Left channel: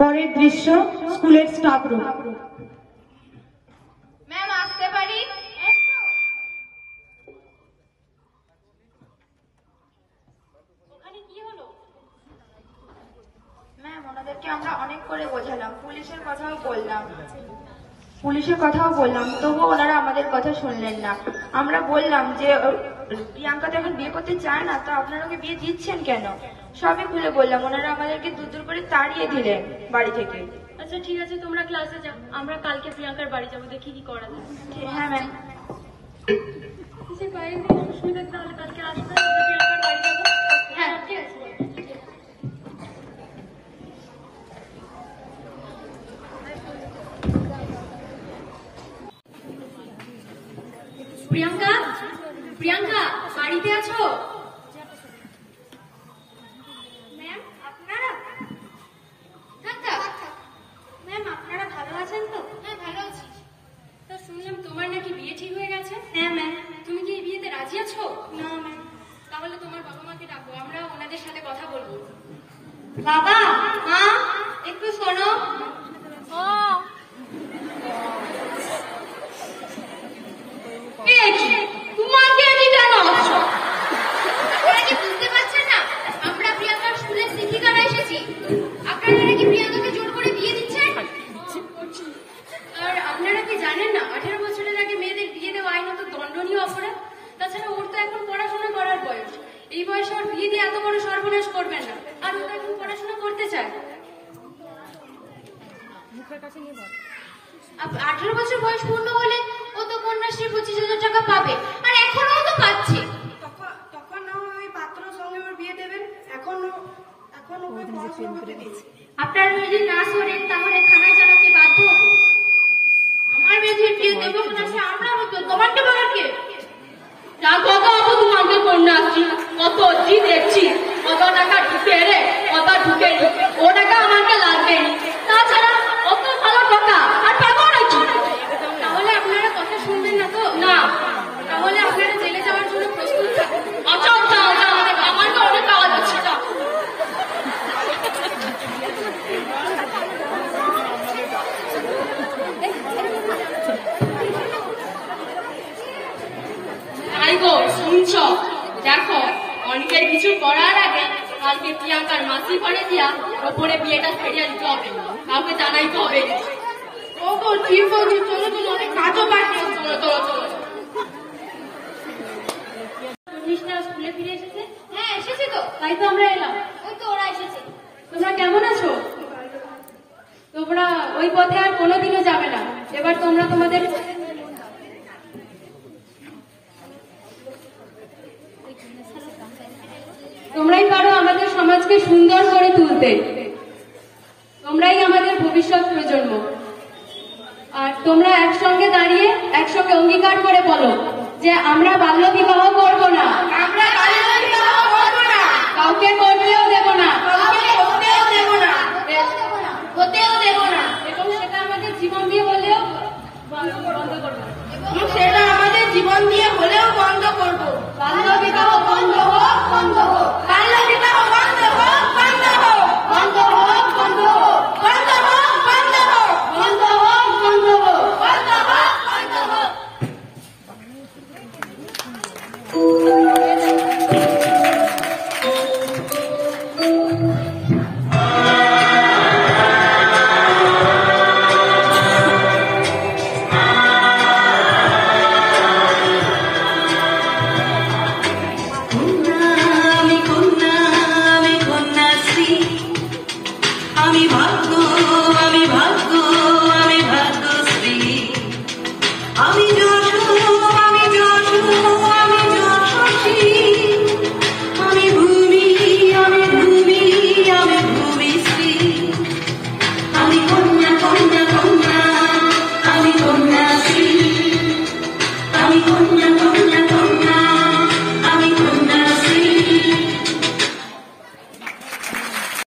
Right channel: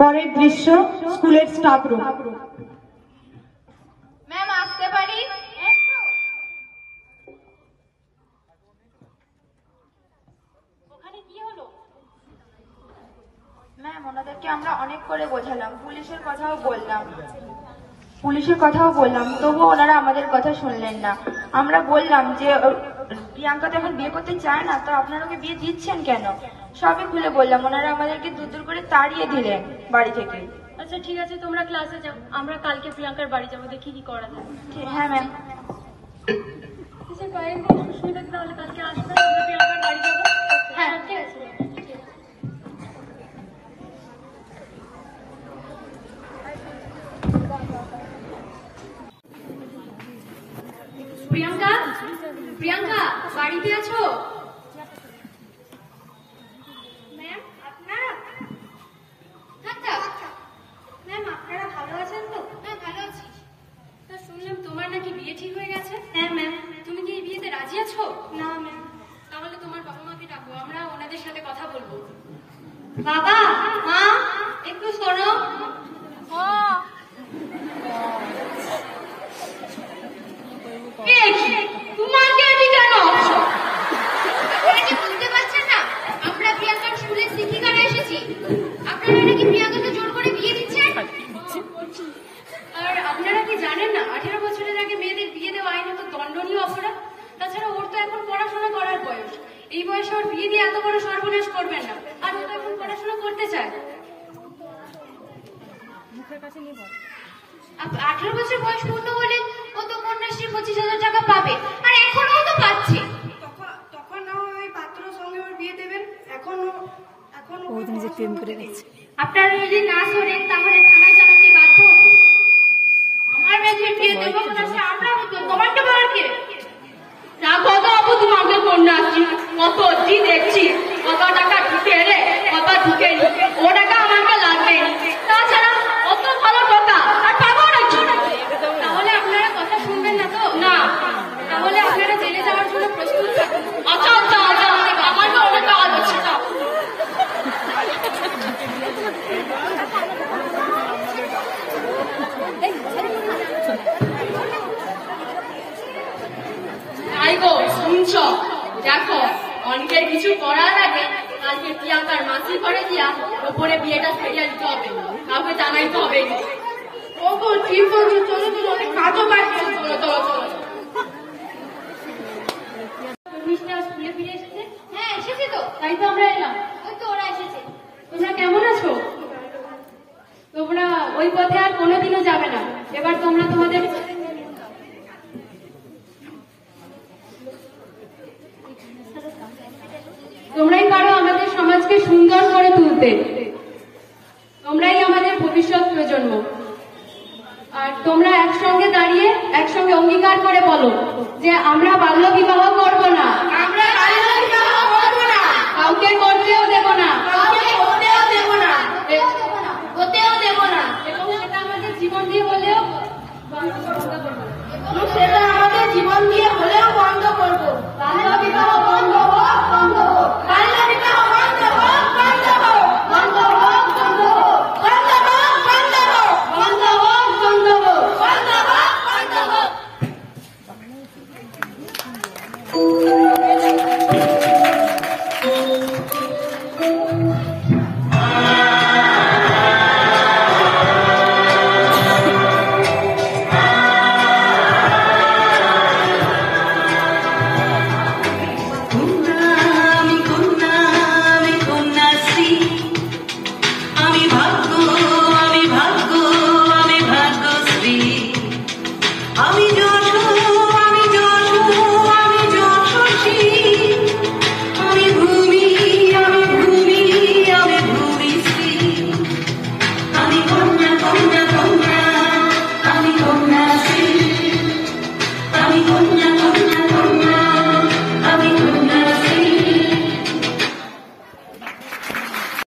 পরের দৃশ্য স্কুলের স্টাফ রুম। ম্যাম আসতে পারি? ওখানে কি হলো? ম্যাম ওনাদেরকে আমরা অনেক করে বোঝালাম, পুলিশের কথাও বললাম, তবুও ওনারা আমাদের কথা শুনলেন না। আমরা বললাম যে প্রিয়াঙ্কা যখন বিয়ে করতে চায় না, তো আপনারা ওকে বিয়ে দিচ্ছেন কেন? সবই খুলে বললাম, ওনারা আমাদেরকে দূর দূর করে তাড়িয়ে দিলেন বাড়ি থেকে। আচ্ছা ঠিক আছে, তোমরা ক্লাসে যাও, আমরা কালকে প্রিয়াঙ্কার বাড়ি যাবো, দেখি কি করা যায়। হ্যাঁ ম্যাম। তাহলে কালকে আসবো, প্রিয়াঙ্কার বাড়ি যাবো। হ্যাঁ ঠিক আছে। প্রিয়াঙ্কা, প্রিয়াঙ্কা বাড়িতে আছো? ম্যাম আপনারা? ম্যাম আপনারা ভালো আছেন তো? হ্যাঁ ভালো আছি। তা শুনলাম তোমার নাকি বিয়ে ঠিক হয়ে গেছে। হ্যাঁ ম্যাম। তুমি কি এই বিয়েতে রাজি আছো? না ম্যাম। তাহলে তোমার বাবা মাকে ডাকো, আমরা ওনাদের সাথে কথা বলবো। বাবা মা একটু শোনো। তোমাকে আমি কেন? আপনারা কি বুঝতে পারছেন না আমরা প্রিয়াঙ্কার স্কুলের শিক্ষিকারা এসেছি? আপনারা নাকি প্রিয়াঙ্কাকে জোর করে বিয়ে দিচ্ছেন। আর আপনারা কি জানেন না 18 বছরের আগে মেয়েদের বিয়ে দেওয়া আইনত দণ্ডনীয় অপরাধ? তাছাড়া ওর তো এখন পড়াশোনা করার বয়স, এই বয়সে ওর বিয়ে দিয়ে এত বড় সর্বনাশ করবেন না। আর ও তো এখন পড়াশোনা করতে চায়। 18 বছর বয়স পূর্ণ হলে ও তো কন্যাশ্রী 25,000 টাকা পাবে, আর এখনো তো পাচ্ছে। তখন ওই পাত্রর সঙ্গে ওর বিয়ে দেবেন। এখন আপনারা যদি না শোনেন তাহলে থানায় জানাতে বাধ্য হব। আমার মেয়ের বিয়ে দেবো না, সে আমরা হতো, তোমাকে বলার কে? কত আবু তোমাকে কন্যাশ্রী কত অব্দি দেখছি, কত টাকা ঢুকে এলে কত ঢুকে নি, ও টাকা আমাকে লাগবে। তাছাড়া অত ভালো টাকা আর পাবো নাকি? তাহলে আপনারা কথা শুনবেন না তো? না, তাহলে আপনারা জেলে যাওয়ার জন্য প্রস্তুত থাকুন। আচ্ছা আচ্ছা আচ্ছা, আমার তো অনেক কাজ আছে। শুনছ? দেখো অনেকের কিছু করার আগে কালকে প্রিয়াঙ্কার মাসি করে দিয়া ওপরে বিয়েটা ফেরিয়ে দিতে হবে, কাউকে জানাইতে হবে। ও গো ঠিক বলছো, চলো চলো, অনেক কাজও বাড়ছে। চলো চলো চলো। স্কুলে ফিরে এসেছে? হ্যাঁ এসেছে তো, তাই তো আমরা এলাম। ওই তো ওরা এসেছে। তোমরা কেমন আছো? তোমরা ওই পথে আর কোনোদিনও যাবে না। এবার তোমরা তোমাদের তোমরাই পারো আমাদের সমাজকে সুন্দর করে তুলতে। তোমরাই আমাদের ভবিষ্যৎ প্রজন্ম। আর তোমরা একসঙ্গে দাঁড়িয়ে একসঙ্গে অঙ্গীকার করে বলো যে আমরা বাল্য বিবাহ